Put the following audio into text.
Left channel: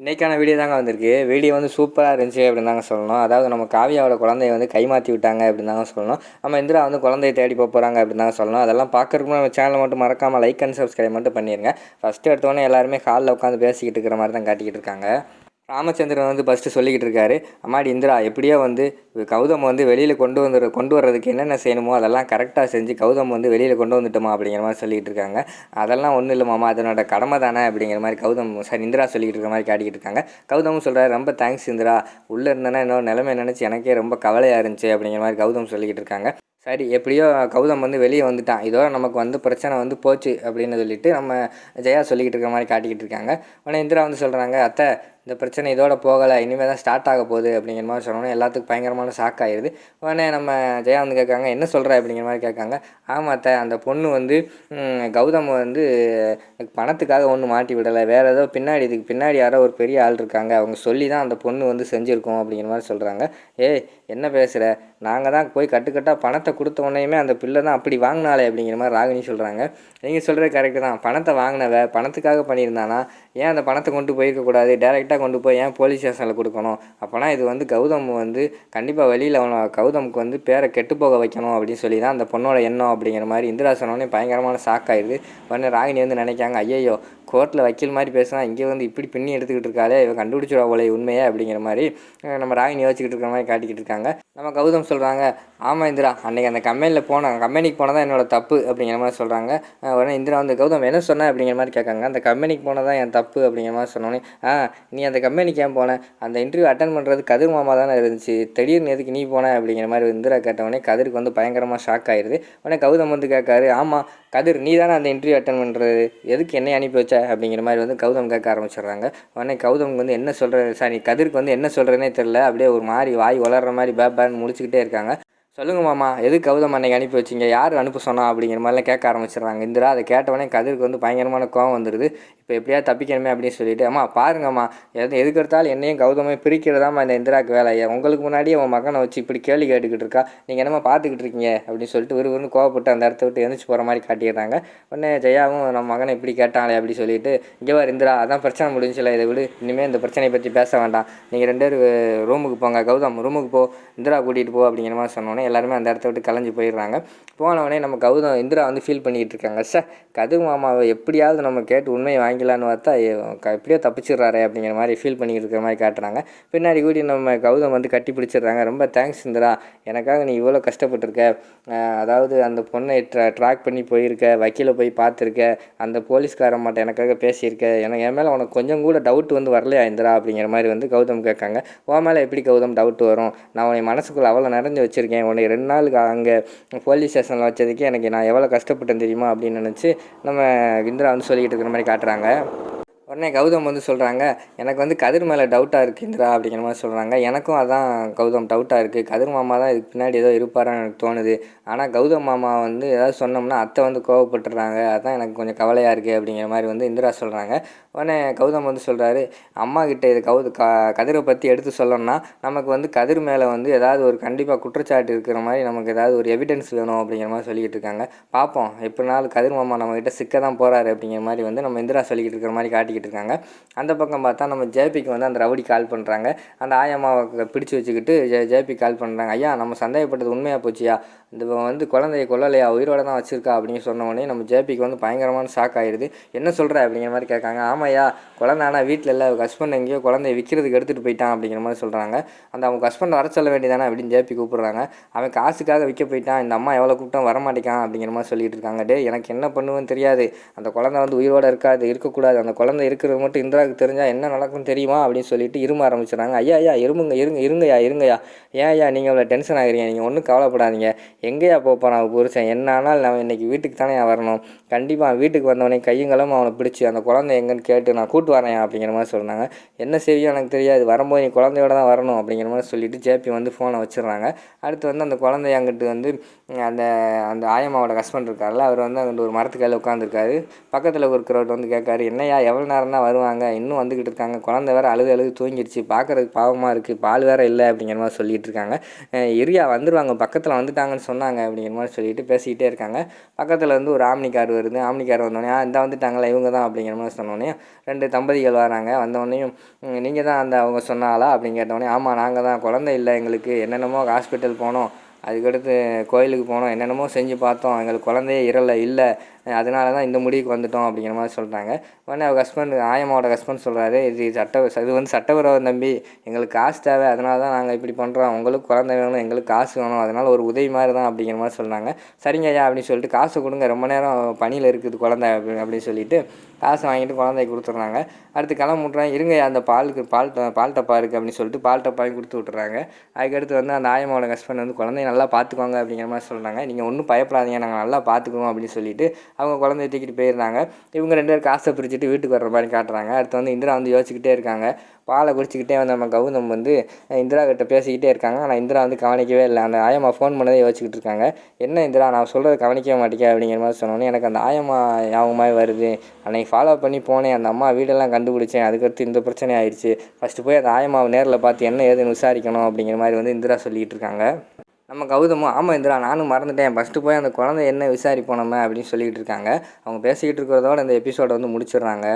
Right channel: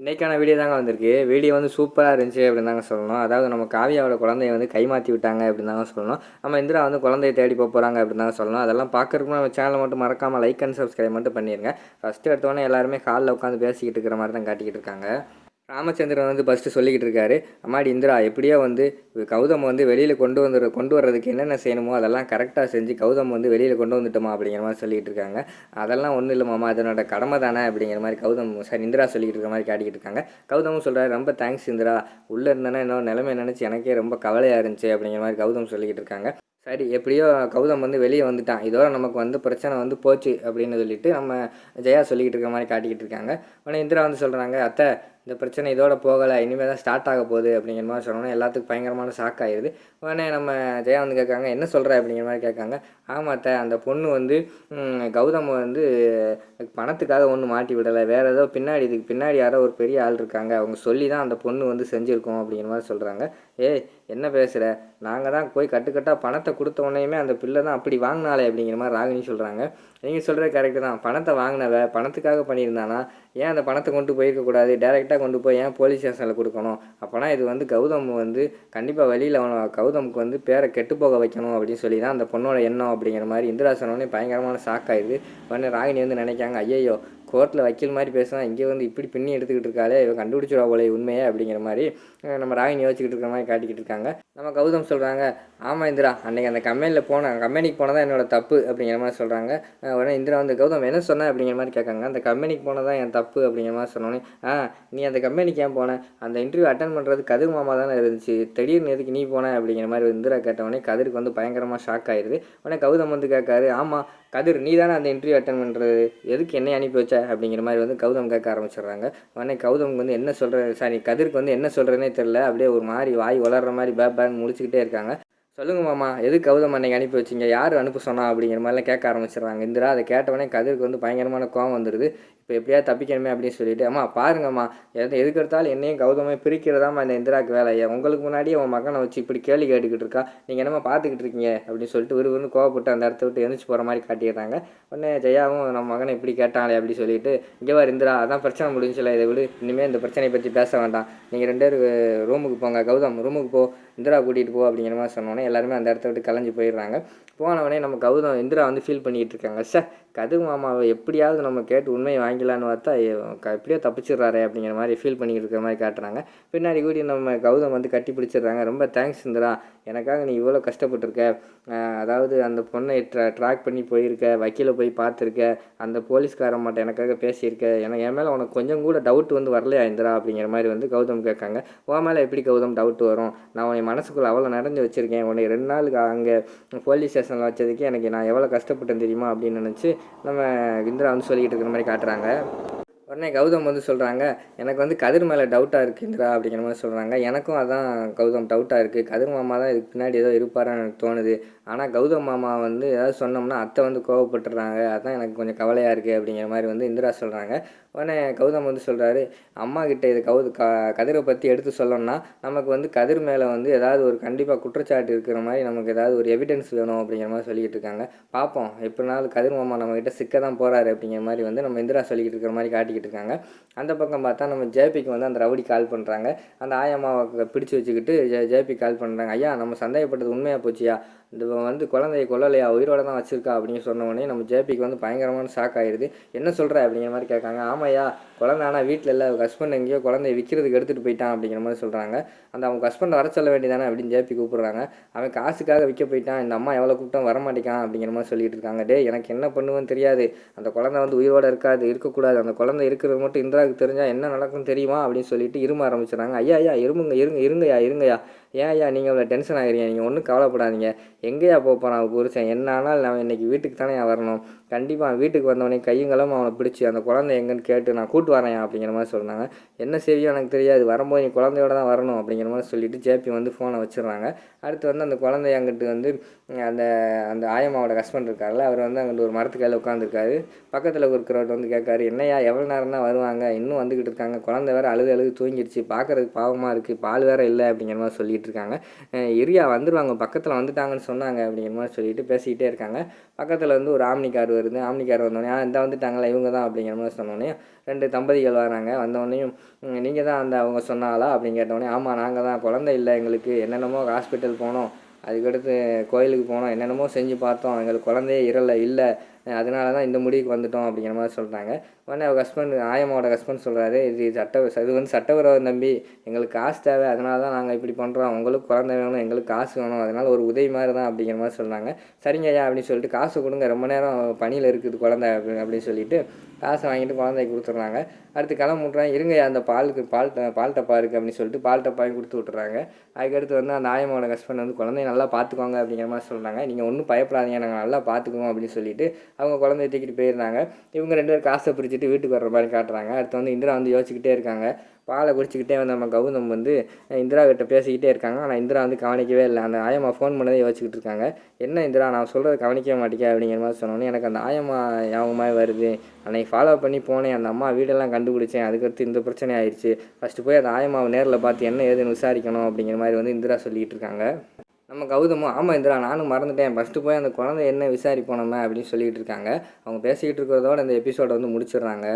இன்றைக்கான வீடியோ தாங்க வந்திருக்கு. வீடியோ வந்து சூப்பராக இருந்துச்சு அப்படின்னு தாங்க சொல்லணும். அதாவது நம்ம காவியாவோட குழந்தைய வந்து கைமாற்றி விட்டாங்க அப்படின்னு தாங்க சொல்லணும். நம்ம இந்திரா வந்து குழந்தைய தேடி போகிறாங்க அப்படின்னு தாங்க சொல்லணும். அதெல்லாம் பார்க்குறதுக்கு நம்ம சேனலை மட்டும் மறக்காமல் லைக் அண்ட் சப்ஸ்கிரைப் மட்டும் பண்ணிடுங்க. ஃபஸ்ட்டு எடுத்தோடனே எல்லாருமே ஹாலில் உட்காந்து பேசிக்கிட்டு இருக்கிற மாதிரி தான் காட்டிக்கிட்டு இருக்காங்க. ராமச்சந்திரன் வந்து ஃபஸ்ட்டு சொல்லிக்கிட்டு இருக்காரு, அம்மாடி இந்திரா எப்படியோ வந்து கௌதம் வந்து வெளியில் கொண்டு வர்றதுக்கு என்னென்ன செய்யணுமோ அதெல்லாம் கரெக்டாக செஞ்சு கௌதம் வந்து வெளியில் கொண்டு வந்துட்டோமா அப்படிங்கிற மாதிரி சொல்லிகிட்டு இருக்காங்க. அதெல்லாம் ஒன்றும் இல்லை மாமா, அதனோட கடமை தானே அப்படிங்கிற மாதிரி இந்திரா சொல்லிக்கிட்டு இருக்க மாதிரி காட்டிக்கிட்டு இருக்காங்க. கௌதமும் சொல்கிறார், ரொம்ப தேங்க்ஸ் இந்திரா, உள்ளே இருந்தேன்னா இன்னொரு நிலைமை நினச்சி எனக்கே ரொம்ப கவலையாக இருந்துச்சு அப்படிங்கிற மாதிரி கௌதம் சொல்லிக்கிட்டு இருக்காங்க. சரி, எப்படியோ கௌதம் வந்து வெளியே வந்துட்டான், இதோட நமக்கு வந்து பிரச்சனை வந்து போச்சு அப்படின்னு சொல்லிட்டு நம்ம ஜெயா சொல்லிக்கிட்டு இருக்க மாதிரி காட்டிக்கிட்டு இருக்காங்க. உடனே இந்திரா வந்து சொல்கிறாங்க, அத்தை இந்த பிரச்சனை இதோட போகலை, இனிமேல் தான் ஸ்டார்ட் ஆக போகுது அப்படிங்கிற மாதிரி சொன்னோன்னே எல்லாத்துக்கும் பயங்கரமான ஷாக் ஆகிடுது. உடனே நம்ம ஜெயா வந்து கேட்காங்க, என்ன சொல்கிற அப்படிங்கிற மாதிரி கேட்காங்க. ஆமாத்த, அந்த பொண்ணு வந்து கௌதம் வந்து பணத்துக்காக ஒன்றும் மாட்டி விடலை, வேறு ஏதோ இதுக்கு பின்னாடி யாரோ ஒரு பெரிய ஆள் இருக்காங்க, அவங்க சொல்லி தான் அந்த பொண்ணு வந்து செஞ்சுருக்கோம் அப்படிங்கிற மாதிரி சொல்கிறாங்க. ஏய் என்ன பேசுகிற, நாங்கள் தான் போய் கட்டுக்கட்டாக பணத்தை கொடுத்த உடனேயுமே அந்த பிள்ளை தான் அப்படி வாங்கினாலே அப்படிங்கிற மாதிரி ராகினி சொல்கிறாங்க. நீங்கள் சொல்கிறது கரெக்டு தான், பணத்தை வாங்கினவ பணத்துக்காக பண்ணியிருந்தானா ஏன் அந்த பணத்தை கொண்டு போயிருக்கக்கூடாது, டேரெக்டாக கொண்டு போய் ஏன் போலீஸ் ஸ்டேஷனில் கொடுக்கணும்? அப்போனா இது வந்து கௌதம் வந்து கண்டிப்பாக வெளியில் கௌதமுக்கு வந்து பேரை கெட்டு போக வைக்கணும் அப்படின்னு சொல்லி தான் அந்த பொண்ணோட எண்ணம் அப்படிங்கிற மாதிரி இந்திரா சொன்னோடனே பயங்கரமான ஷாக் ஆயிடுது. உடனே ராகினி வந்து நினைக்காங்க, ஐயையோ கோர்ட்டில் வக்கீல் மாதிரி பேசினா இங்கே வந்து இப்படி பின்னி எடுத்துக்கிட்டு இருக்காளே, இவன் கண்டுபிடிச்சிடுவா போல உண்மையே அப்படிங்கிற மாதிரி நம்ம ராகினி யோசிச்சுக்கிட்டு இருக்கிற மாதிரி காட்டிக்கிட்டு இருக்காங்க. நம்ம கௌதம் சொல்கிறாங்க, ஆமாம் இந்திரா, அன்றைக்கி அந்த கம்பெனிக்கு போனதான் என்னோட தப்பு அப்படிங்கிற மாதிரி சொல்கிறாங்க. உடனே இந்திரா வந்து, கௌதம் என்ன சொன்னேன் அப்படிங்கிற மாதிரி கேட்காங்க. அந்த கம்பெனிக்கு போனதான் என் தப்பு அப்படிங்கிற மாதிரி சொன்னோன்னே, நீ அந்த கம்பெனிக்கு ஏன் போனேன், அந்த இன்டர்வியூ அட்டன் பண்ணுறது கதிர் மாமா தானே இருந்துச்சு, திடீர்னு எதுக்கு நீ போனேன் அப்படிங்கிற மாதிரி இந்திரா கேட்டவொடனே கதிருக்கு வந்து பயங்கரமாக ஷாக் ஆயிடுது. உடனே கௌதம் வந்து கேட்காரு, ஆமாம் கதிர் நீ தானே அந்த இன்டர்வியூ அட்டன் பண்ணுறது, எதுக்கு என்னை அனுப்பி வச்ச அப்படிங்கிற மாதிரி வந்து கௌதம் கேட்க ஆரம்பிச்சிடுறாங்க. உடனே கௌதம் வந்து என்ன சொல்கிறது கதிருக்கு வந்து என்ன சொல்கிறதுனே தெரில, அப்படியே ஒரு மாதிரி வாய் வளர்கிற மாதிரி பேன்னு முடிச்சுக்கிட்டே இருக்காங்க. சொல்லுங்கள் மாமா, எது கௌதம் அன்னைக்கு அனுப்பி வச்சிங்க, யார் அனுப்ப சொன்னா அப்படிங்கிற மாதிரிலாம் கேட்க ஆரம்பிச்சிடுறாங்க இந்திரா. அதை கேட்டவொடனே கதிருக்கு வந்து பயங்கரமான கோவம் வந்துடுது. இப்போ எப்படியாவது தப்பிக்கணுமே அப்படின்னு சொல்லிட்டு, அம்மா பாருங்கம்மா, எதுக்கு எடுத்தாலும் என்னையும் கௌதமே பிரிக்கிறதாம்மா இந்த இந்திராவுக்கு வேலையை, உங்களுக்கு முன்னாடியே உன் மகனை வச்சு இப்படி கேள்வி கேட்டுக்கிட்டு இருக்கா, நீங்கள் என்னம்மா பார்த்துக்கிட்டு இருக்கீங்க அப்படின்னு சொல்லிட்டு விறுவிறுன்னு கோவப்பட்டு அந்த இடத்த விட்டு எழுந்திரிச்சு போகிற மாதிரி காட்டிடுறாங்க. உடனே ஜெயாவும் நம்ம மகனை இப்படி கேட்டாங்களே அப்படி சொல்லிட்டு, இங்கே வர இந்திரா, அதான் பிரச்சனை முடிஞ்சில்ல, இதை விடு, இனிமேல் இந்த பிரச்சனையை பற்றி பேச வேண்டாம், நீங்கள் 2 பேர் ரூமுக்கு போங்க, கௌதம் ரூமுக்கு போ, இந்திரா கூட்டிகிட்டு போ அப்படிங்கிற மாதிரி சொன்னோன்னே எல்லாருமே அந்த இடத்த விட்டு கலைஞ்சு போயிடுறாங்க. போனவொடனே நம்ம இந்திரா வந்து ஃபீல் பண்ணிக்கிட்டு இருக்காங்க, கதிர் மாமாவை எப்படியாவது நம்ம கேட்டு உண்மையை வாங்கிக்கலான்னு பார்த்தா எப்படியோ தப்பிச்சிடுறாரு அப்படிங்கிற மாதிரி ஃபீல் பண்ணிக்கிட்டு இருக்கிற மாதிரி காட்டுறாங்க. பின்னாடி கூடி நம்ம கௌதம் வந்து கட்டி பிடிச்சிடுறாங்க. ரொம்ப தேங்க்ஸ் இந்திரா, எனக்காக நீ இவ்வளோ கஷ்டப்பட்டுருக்க, அதாவது அந்த பொண்ணை ட்ராக் பண்ணி போயிருக்க, வக்கீலை போய் பார்த்துருக்க, அந்த போலீஸ்காரன் மட்டும் எனக்காக பேசியிருக்க, என் மேலே உனக்கு கொஞ்சம் கூட டவுட் வந்து வரலையா இந்திரா அப்படிங்கிற மாதிரி வந்து கௌதம் கேட்காங்க. உன் மேலே எப்படி கௌதம் டவுட் வரும், நான் உன்னை மனசுக்குள்ளே அவ்வளோ நிறைஞ்சு வச்சுருக்கேன், உன்னை 2 நாளுக்கு அங்கே போலீஸ் ஸ்டேஷனில் வச்சதுக்கு எனக்கு நான் எவ்வளோ கஷ்டப்பட்டேன் தெரியுமா அப்படின்னு நினச்சி நம்ம இந்திரா வந்து சொல்லிக்கிட்டு இருக்கிற மாதிரி காட்டுறாங்க. உடனே கௌதம் வந்து சொல்கிறாங்க, எனக்கு வந்து கதிர் மேலே டவுட்டாக இருக்குது இந்திரா அப்படிங்கிற மாதிரி சொல்கிறாங்க. எனக்கும் அதான் கௌதம் டவுட்டாக இருக்குது, கதிர் மாமா தான் இதுக்கு பின்னாடி ஏதோ இருப்பாரான்னு எனக்கு தோணுது. ஆனால் கௌதம் மாமா வந்து ஏதாவது சொன்னோம்னா அத்தை வந்து கோவப்பட்டுறாங்க, அதுதான் எனக்கு கொஞ்சம் கவலையாக இருக்குது அப்படிங்கிற மாதிரி வந்து இந்திரா சொல்கிறாங்க. உடனே கௌதம் வந்து சொல்கிறாரு, அம்மா கிட்டே இது கதிரை பற்றி எடுத்து சொல்லணும்னா நமக்கு வந்து கதிர் மேலே வந்து ஏதாவது ஒரு கண்டிப்பாக குற்றச்சாட்டு இருக்கிற மாதிரி நமக்கு ஏதாவது ஒரு எவிடன்ஸ் வேணும் அப்படிங்கிற மாதிரி சொல்லிக்கிட்டு இருக்காங்க. பார்ப்போம், எப்படினாலும் கதிர் மாமா நம்மக்கிட்ட சிக்க தான் போகிறாரு அப்படிங்கிற மாதிரி வந்து நம்ம இந்திரா சொல்லிக்கிட்டு இருக்கிற மாதிரி காட்டிக்கிட்டு இருக்காங்க. அந்த பக்கம் பார்த்தா நம்ம ஜேபிக்கு வந்து அந்த ரவுடி கால் பண்ணுறாங்க. அந்த ஆயம்மாவை பிடிச்சி வச்சுக்கிட்டு ஜேபி கால் பண்ணுறாங்க. ஐயா, நம்ம சந்தேகப்பட்டது உண்மையாக போச்சியா, இந்த வந்து குழந்தைய கொல்லலையா, உயிரோட தான் வச்சுருக்கா அப்படின்னு சொன்ன உடனே நம்ம ஜேபிக்கு வந்து பயங்கரமான ஷாக் ஆகிடுது. என்ன சொல்கிற அப்படிங்கிற மாதிரி கேட்காங்க. ஆமாய்யா, குழந்தை ஆனால் வீட்டில் இல்லை, அவங்க ஹஸ்பண்ட் எங்கேயோ குழந்தைய விற்கிறதுக்கு எடுத்துகிட்டு போயிட்டான் அப்படிங்கிற மாதிரி சொல்கிறாங்க. அவங்க ஹஸ்பண்ட் வர சொல்ல வேண்டியதானே அப்படின்னு ஜேபி கூப்பிட்றாங்க. அவன் காசுக்காக விற்க போயிட்டான், இந்த அம்மா எவ்வளோ கூப்பிட்டா வரமாட்டேக்கான் அப்படிங்கிற மாதிரி சொல்லிட்டு இருக்காங்க. டே, எனக்கு என்ன பண்ணுவேன்னு தெரியாது, அந்த குழந்தை வந்து உயிரோடு இருக்கக்கூடாது, அந்த குழந்தை இருக்கிறது மட்டும் இந்திராவுக்கு தெரிஞ்சால் என்ன நடக்கும்னு தெரியுமா அப்படின்னு சொல்லிட்டு இரும ஆரம்பிச்சிடுறாங்க. ஐயா இருங்கய்யா, ஏன்யா நீங்கள் அவ்வளோ டென்ஷன் ஆகுறீங்க, நீங்கள் ஒன்றும் கவலைப்படாதீங்க, எங்கேயா போகிறான் அவன் புருஷன், என்ன ஆனால் நான் இன்றைக்கி வீட்டுக்கு தானே வரணும், கண்டிப்பாக வீட்டுக்கு வந்தவொடனே கையங்களும் அவனை பிடிச்சி அந்த குழந்தை எங்கன்னு கேட்டு நான் கூட்டு வரேன் அப்படிங்கிற மாதிரி சொன்னாங்க. என்ன செய்யும் எனக்கு தெரியாது, வரும்போது நீ குழந்தையோட தான் வரணும் அப்படிங்கிற மாதிரி சொல்லிவிட்டு ஜேபி வந்து ஃபோனை வச்சிடுறாங்க. அடுத்து வந்து அந்த குழந்தை அங்கிட்டு வந்து அந்த அந்த ஆயம்மாவோட ஹஸ்பண்ட் இருக்கார்ல, அவர் வந்து அங்கிட்டு ஒரு மரத்துக்கு கையில் உட்காந்துருக்காரு. பக்கத்தில் இருக்கிறவர்கிட்ட வந்து கேட்காரு, என்னையா எவ்வளோ நேரம் தான் வருவாங்க, இன்னும் வந்துக்கிட்டு இருக்காங்க, குழந்தை வேறு அழுது தூங்கிடுச்சு, பார்க்குறதுக்கு பாவமாக இருக்குது, பால் வேறு இல்லை அப்படிங்கிற மாதிரி சொல்லிகிட்டு இருக்காங்க. இரியா வந்துடுவாங்க, பக்கத்தில் வந்துட்டாங்கன்னு சொன்னாங்க அப்படிங்கிற மாதிரி சொல்லிட்டு பேசிக்கிட்டே இருக்காங்க. பக்கத்தில் வந்து ஒரு ஆம்னி கார் வருது. ஆம்னி கார் வந்தோடனே இந்த வந்துட்டாங்களா இவங்க தான் அப்படிங்கிற மாதிரி சொன்னோடனே 2 தம்பதிகள் வராங்க. வந்தோடனேயும் நீங்கள் தான் அவங்க சொன்னாலா அப்படின்னு கேட்டோடனே, ஆமாம் நாங்கள் தான், குழந்தை இல்லை எங்களுக்கு, என்னென்னமோ ஹாஸ்பிட்டல் போனோம், அதுக்கடுத்து கோயிலுக்கு போனோம், என்னென்னமோ செஞ்சு பார்த்தோம், எங்களுக்கு குழந்தையே இல்லை, அதனால தான் இந்த முடிவுக்கு வந்துட்டோம் அப்படிங்கிற மாதிரி சொல்கிறாங்க. உடனே அவங்க ஹஸ்பண்ட், ஆயம்மாவோட ஹஸ்பண்ட் சொல்கிறாரு, இது வந்து சட்டவிரோதம் தம்பி, எங்களுக்கு காசு தேவை, அதனால தான் நாங்கள் இப்படி பண்ணுறோம், உங்களுக்கு குழந்தை வேணும், எங்களுக்கு காசு வேணும், அதனால் ஒரு உதவி மாதிரி தான் அப்படிங்கிற மாதிரி சொன்னாங்க. சரிங்க ஐயா அப்படின்னு சொல்லிட்டு, காசு கொடுங்க, ரொம்ப நேரம் பணியில் இருக்குது குழந்தை அப்படின்னு சொல்லிட்டு காசு வாங்கிட்டு குழந்தைய கொடுத்துட்றாங்க. அடுத்து கிளம்பிட்றாங்க. இருங்க அந்த பால் டப்பா இருக்குது அப்படின்னு சொல்லிட்டு பால் டப்பாயும் கொடுத்து விட்டுறாங்க. அதுக்கடுத்து வந்து அந்த ஆயம்மாவோட ஹஸ்பண்ட் வந்து குழந்தைய நல்லா பார்த்துக்கோங்க அப்படிங்கிற மாதிரி சொல்கிறாங்க. நீங்கள் ஒன்றும் பயப்படாதீங்க, நாங்கள் நல்லா பார்த்துக்குவோம் அப்படின்னு சொல்லிட்டு அவங்க குழந்தைய தூக்கிட்டு போயிருந்தாங்க. இவங்க 2 பேரும் காசை பிரிச்சுட்டு வீட்டுக்கு வர்ற மாதிரி காட்டுறாங்க. அடுத்து வந்து இந்திரா வந்து யோசிச்சுக்கிட்டே இருக்காங்க. பாலை குடிச்சிக்கிட்டே வந்து நம்ம கௌதம் வந்து இந்திரா கிட்ட பேசிக்கிட்டே இருக்காங்க. ஆனால் இந்திரா வந்து கவனிக்கவே இல்லை. அந்த ஆயம்மா ஃபோன் பண்ணதே யோசிச்சுக்கிட்டு இருக்காங்க. என்ன இந்திரா, நான் சொல்கிறத கவனிக்கவே மாட்டேங்க அப்படிங்கிற மாதிரி சொன்னோன்னே, எனக்கு அந்த ஆயம்மா ஞாபகமாக வருது, அன்னைக்கு ஃபாலோ பண்ணி போனேன், அந்த அம்மா வீடெல்லாம் கண்டுபிடிச்சேன், அதுக்கடுத்து இந்த பிரச்சனை ஆயிடுச்சு, ஃபஸ்ட்டு போய் அந்த ஆயம்மாவை நேரில் பார்த்து என்ன ஏதுன்னு விசாரிக்கணும் அப்படிங்கிற மாதிரி வந்து இந்திரா சொல்லிகிட்டு இருக்காங்க. நம்ம கௌதமும், ஆமாம் இந்திரா நானும் மறந்துட்டேன், ஃபஸ்ட்டு போய் அந்த குழந்தை என்ன விசாரிப்போம் நம்ம அப்படின்னு சொல்லிகிட்டு இருக்காங்க. அவங்க பேசிக்கிட்டு இருக்கிறதோட இந்த எபிசோடை வந்து முடிச்சிடுறாங்க.